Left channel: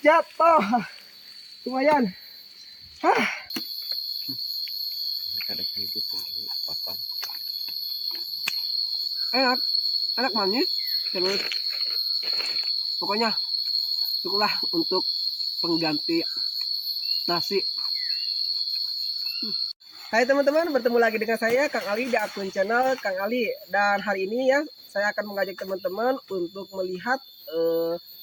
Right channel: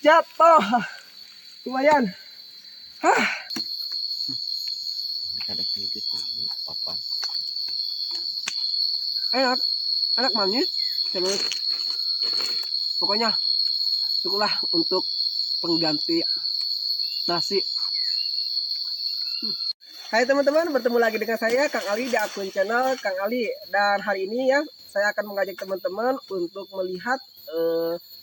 Jatuh. Lumayan. Hah. Enak. Enak manis. Terus pokoknya cukuplah untuk pengganti nasi. Hai teman-teman, bertemu lagi dengan saya Kang Ali di akun channel Kang Ali. Dan hari ini ya, saya akan mengajak teman-teman untuk melihat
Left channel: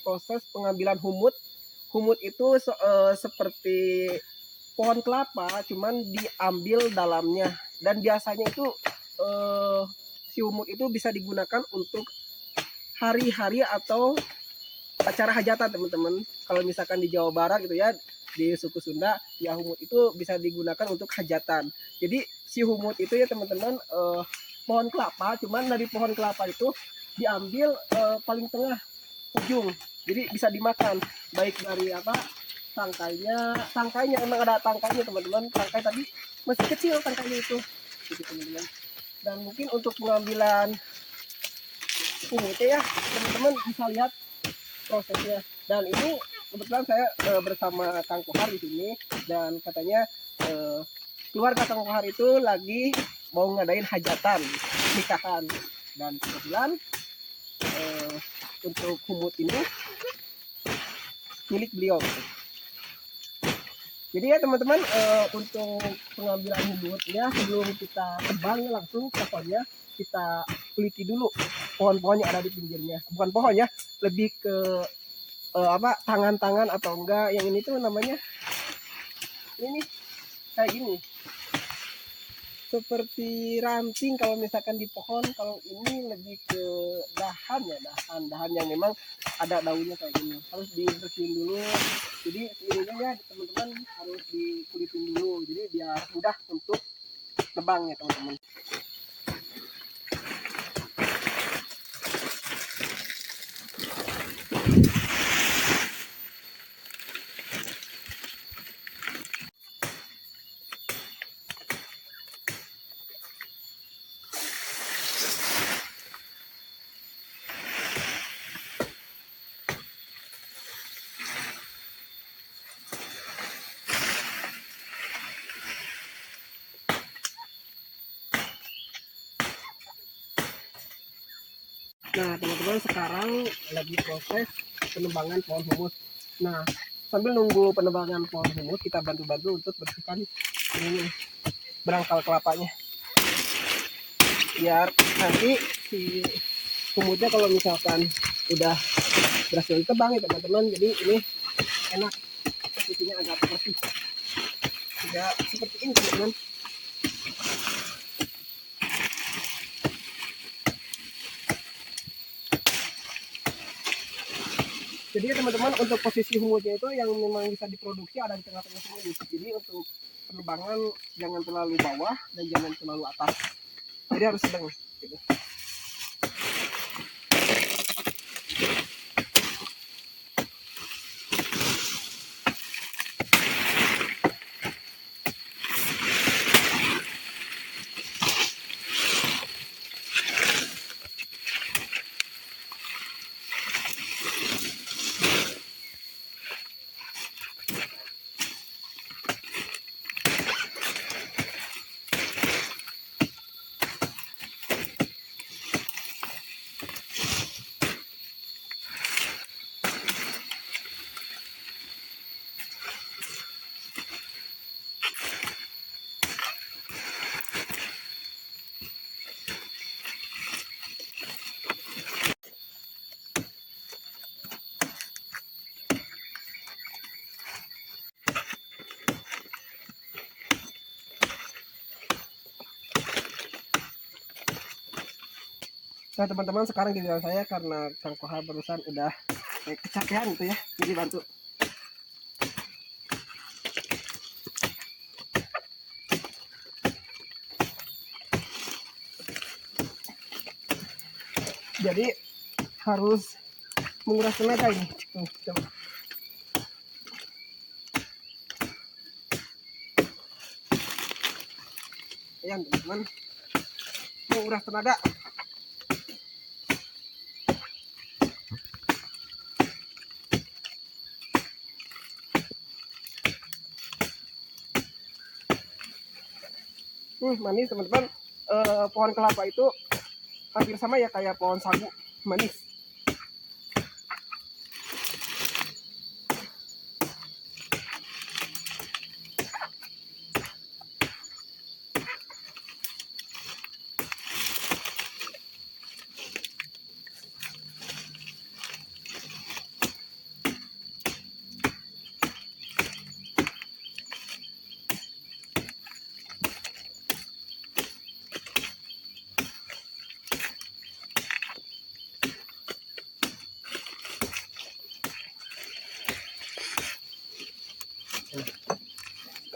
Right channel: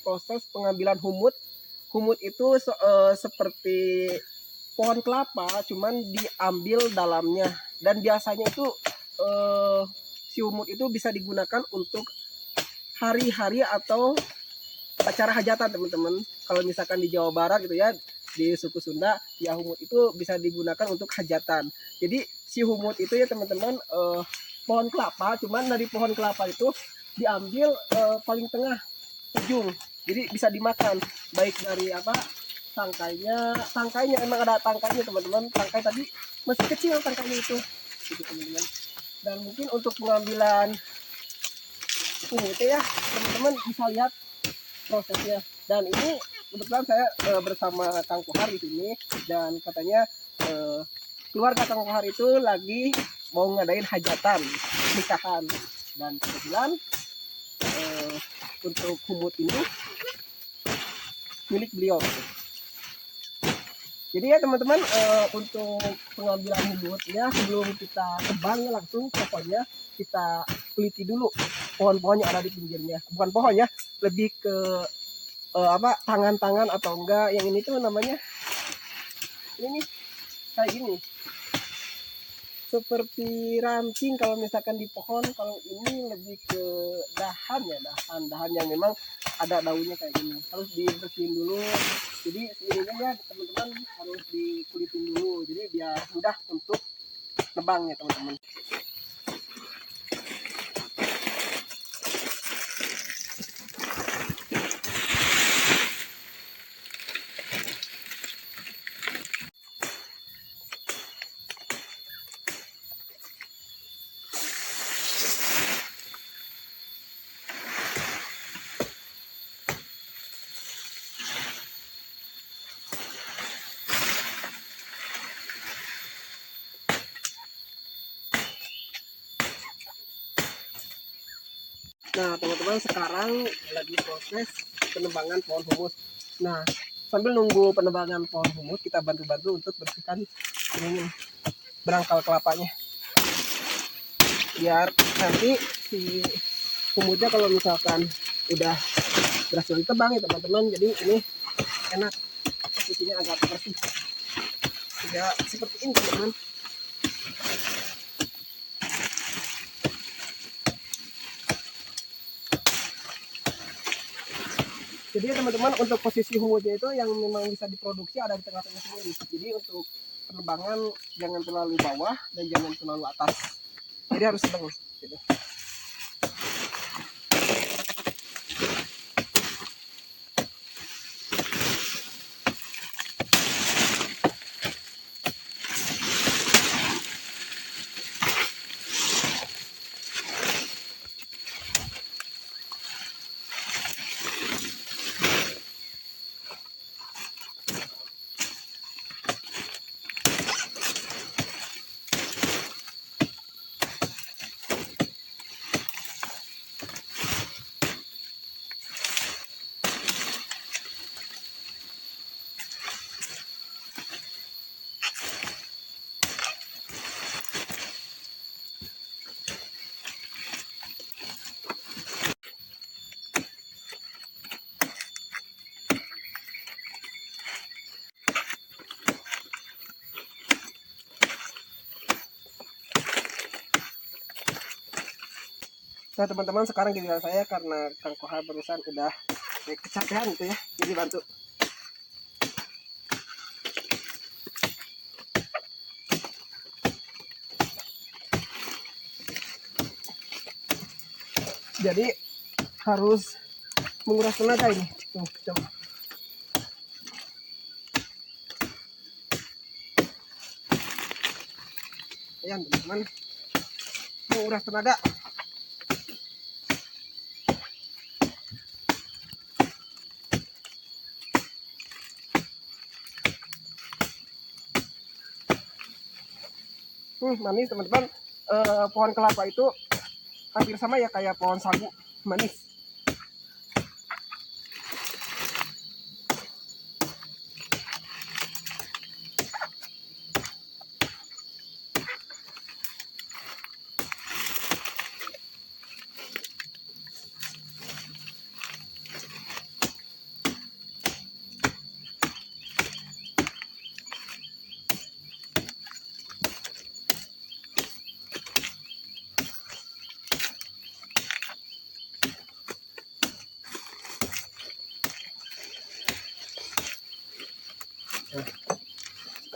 proses pengambilan humut. Humut itu seperti pohon kelapa, cuman diambil dalamnya. Dan biasanya itu si humut itu bisa digunakan untuk hari-hari atau acara hajatan teman-teman. Kalau misalkan di Jawa Barat gitu ya, di suku Sunda, ya humut itu bisa digunakan untuk hajatan. Jadi si humut itu ya teman-teman pohon kelapa, cuman dari pohon kelapa itu diambil paling tengah ujung. Jadi bisa dimakan, baik dari apa tangkainya emang ada tangkainya teman-teman. Tangkai tadi masih kecil tangkainya itu, gitu teman-teman. Dan mungkin untuk pengambilan humutnya ya teman-teman bisa lihat prosesnya. Dan ini kebetulan saya bersama Kang Kohar di sini, dan katanya keluarga Kang Kohar itu lagi mau ngadain hajatan nikahan, dan kebetulan untuk humut ini milik beliau. Jadi ya teman-teman, untuk pengambilan humutnya sebelum kita tebang langsung pokoknya kita teliti dulu pohon-pohon yang ada di pinggirnya. Bukan pohon ya, lebih ke tangan-tangan atau enggak yang ini tuh namanya ini kayak gini, seperti ranting kalau misalkan di pohon. Kalau ini lebih ke dahan ya, dahan yang memang ada daunnya kayak gini, harus dibersihin dulu. Jadi ininya ya teman-teman harus dikulitin dulu, jadi biar mudah untuk nebang ya teman-teman. Nah teman-teman, sekarang lagi proses penebangan pohon humus. Nah sambil nunggu penebangan pohon humus, kita bantu-bantu untuk bersihkan ini berangkal kelapanya, biar nanti si humusnya kalau misalkan udah berhasil ditebang ya teman-teman, jadi ini enak, isinya agak bersih, tidak seperti ini teman-teman. Jadi ya teman-teman, untuk posisi humusnya itu yang memang bisa diproduksi ada di tengah-tengah sini. Jadi untuk penebangan jangan terlalu bawah dan jangan terlalu atas, jadi harus sedang gitu. Nah teman-teman, sekarang giliran saya karena Kang Kohar barusan udah kecapean gitu ya, jadi bantu. Jadi harus menguras tenaga ini. Tuh, coba. Ya teman-teman, menguras tenaga. Manis teman-teman. Pohon kelapa itu hampir sama ya kayak pohon sagu, manis.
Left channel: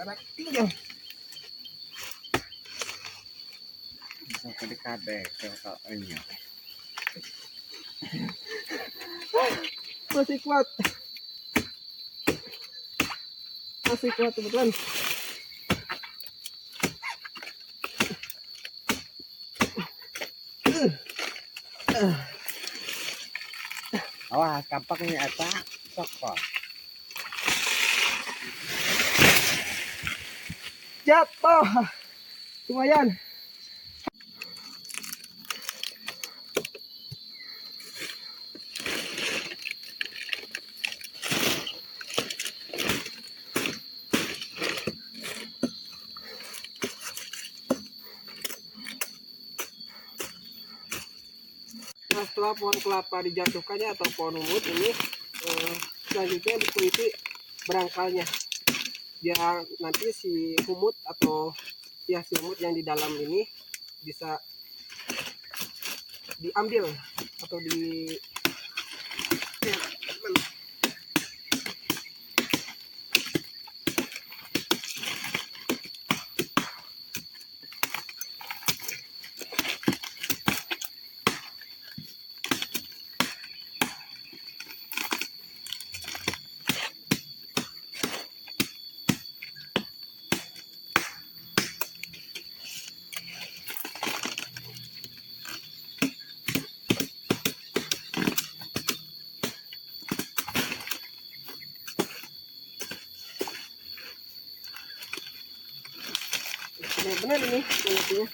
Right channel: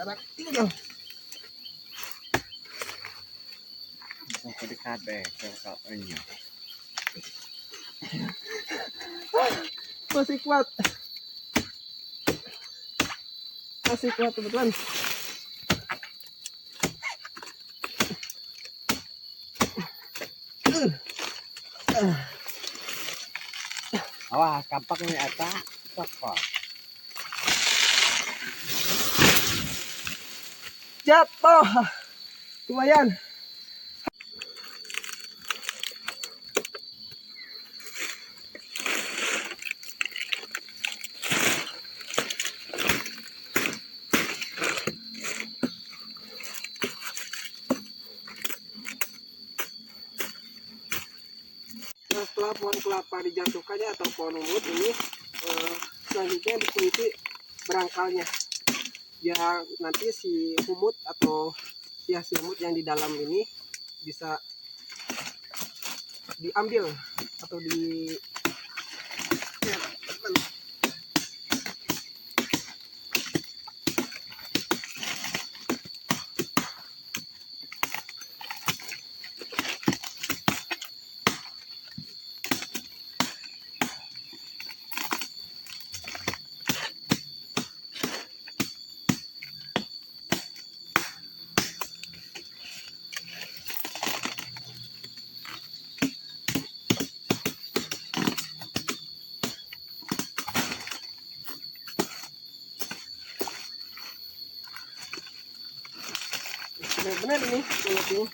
Sekarang tinggal Sampai dekat deh kayaknya. masih kuat, teman-teman. Wah, kampaknya apa? Sokok. Jatuh, lumayan. Nah, setelah pohon kelapa dijatuhkannya atau pohon umut ini, selanjutnya dikuliti berangkalnya. Biar nanti si humut atau ya si humut yang di dalam ini bisa diambil atau di ya, teman. Benar-benar ini kulitnya.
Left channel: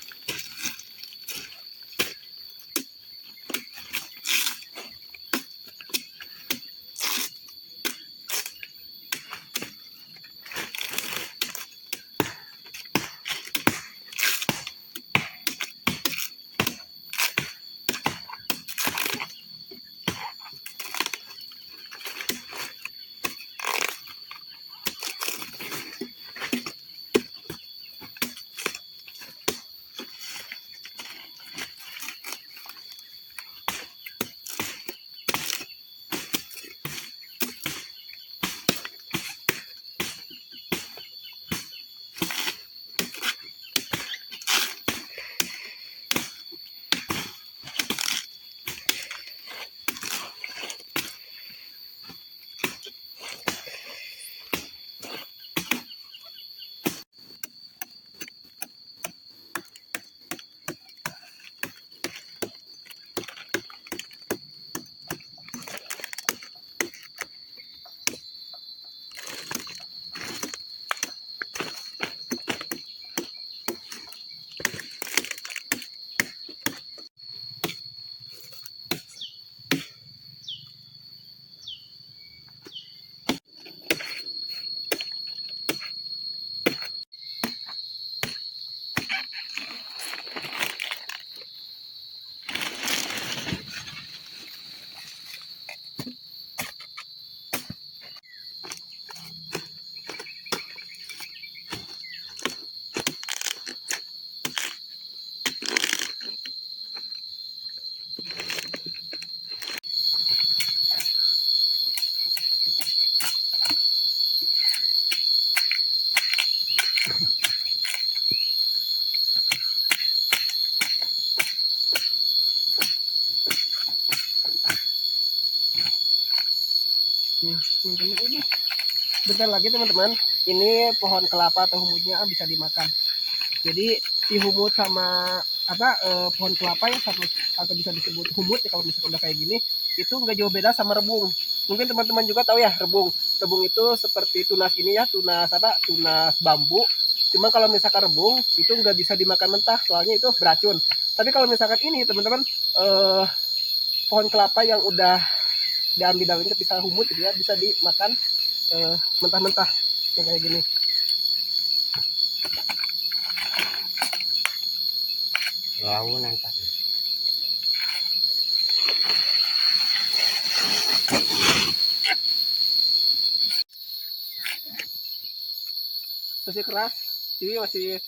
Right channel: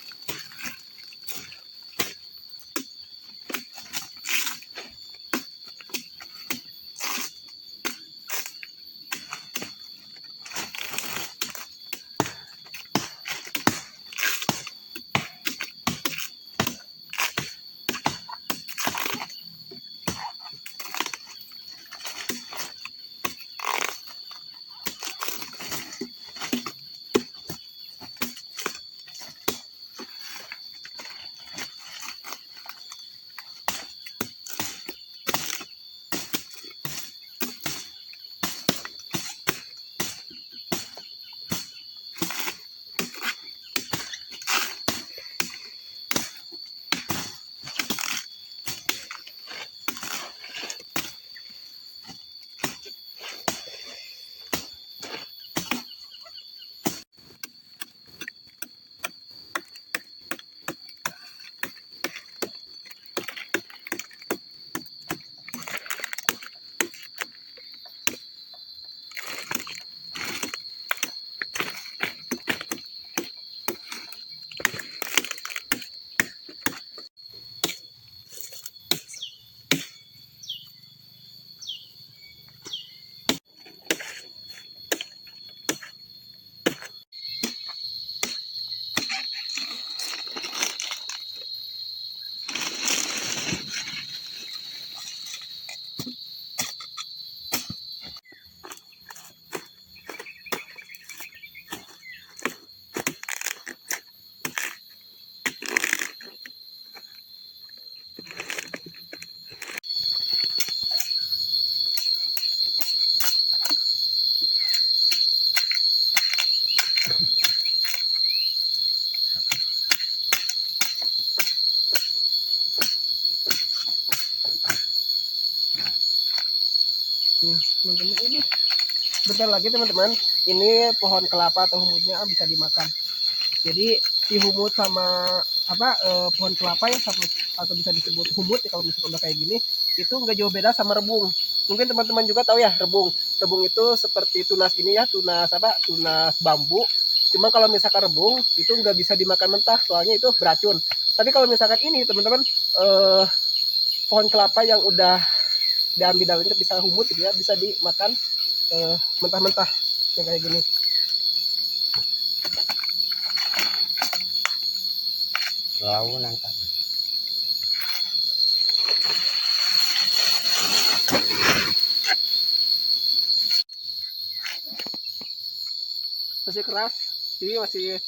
Teman-teman ini bentar lagi teman-teman, ini pohon kelapa atau humutnya bisa dimakan. Jadi si humut sama pohon kelapa ya sama, atau bisa disebut humut ya kalau misalnya udah kayak gini, itu nggak jauh beda sama rebung. Mungkin teman-teman juga tahu ya rebung. Rebung itu seperti tunas ini ya, tunas tunas bambu. Cuma kalau misalkan rebung itu nggak bisa dimakan mentah, soalnya itu beracun. Tapi kalau misalkan ini teman-teman, pohon kelapa yang udah diambil daunnya bisa humut gitu ya, bisa dimakan mentah-mentah yang kayak gini. Lawu nangkap. Masih keras, jadi masih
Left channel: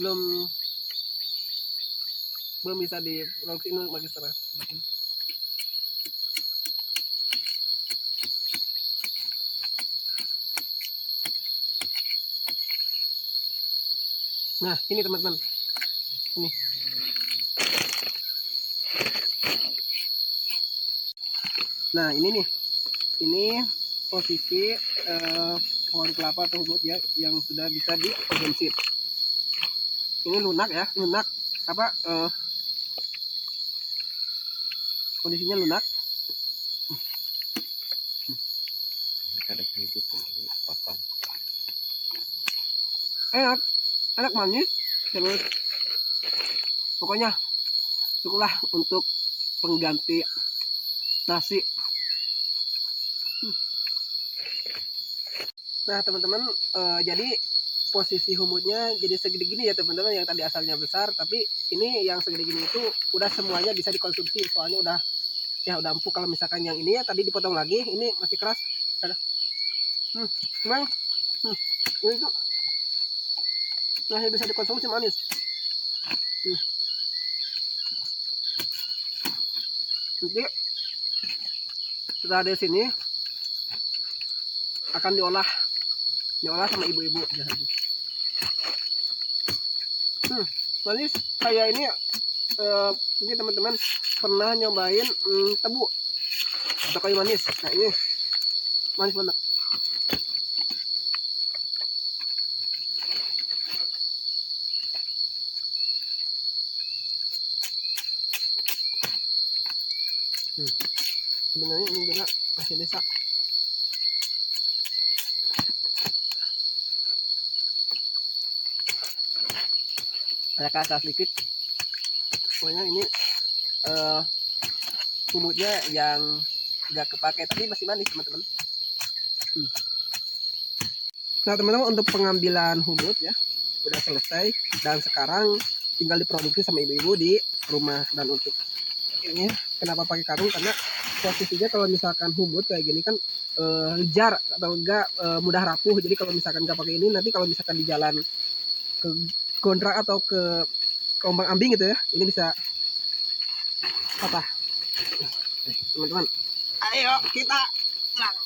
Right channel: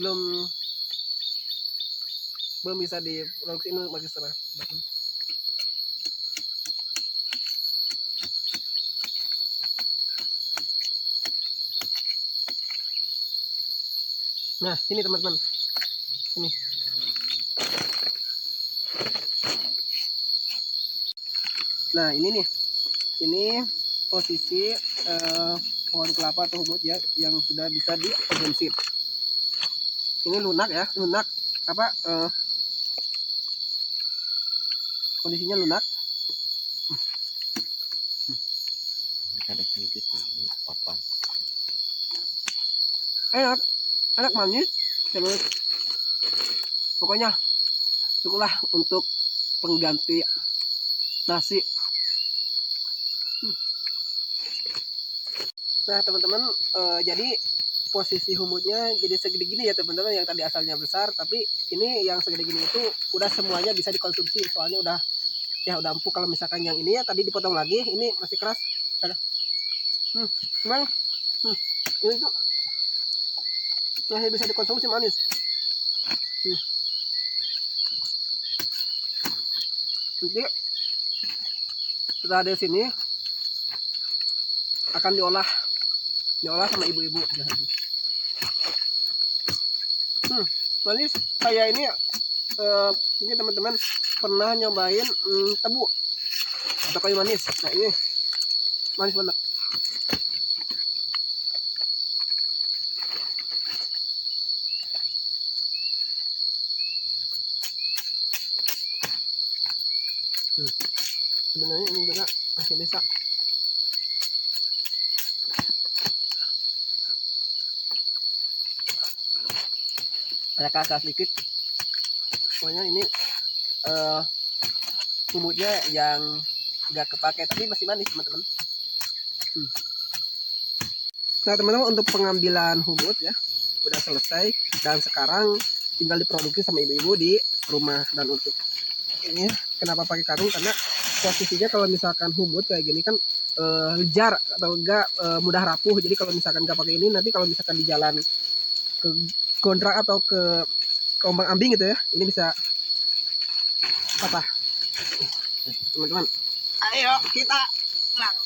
belum bisa diproduksi, ini masih keras. Nah ini teman-teman, ini. Nah ini nih, ini posisi pohon kelapa atau humut ya yang sudah bisa dikonsumsi. Ini lunak ya, lunak apa, kondisinya lunak. Ada sedikit apa? Enak, enak manis, terus pokoknya cukuplah untuk pengganti nasi. Nah teman-teman, jadi posisi humutnya jadi segede gini ya teman-teman, yang tadi asalnya besar, tapi ini yang segede gini itu udah semuanya bisa dikonsumsi, soalnya udah empuk. Kalau misalkan yang ini ya tadi dipotong lagi, ini masih keras. Memang ini tuh masih bisa dikonsumsi, manis. Nanti setelah dari sini akan diolah sama ibu-ibu. Manis kayak ini. Mungkin teman-teman pernah nyobain tebu atau kayu manis. Nah ini manis banget. Sebenarnya ini juga masih bisa. Ada kasar sedikit. Pokoknya ini humutnya yang nggak kepake tapi masih manis teman-teman. Nah teman-teman, untuk pengambilan humut ya udah selesai, dan sekarang tinggal diproduksi sama ibu-ibu di rumah. Dan untuk ini kenapa pakai karung, karena posisinya kalau misalkan humut kayak gini kan jar atau enggak mudah rapuh. Jadi kalau misalkan nggak pakai ini, nanti kalau misalkan di jalan ke Gondrak atau ke Ombang Ambing gitu ya, ini bisa patah. Teman-teman, ayo kita pulang.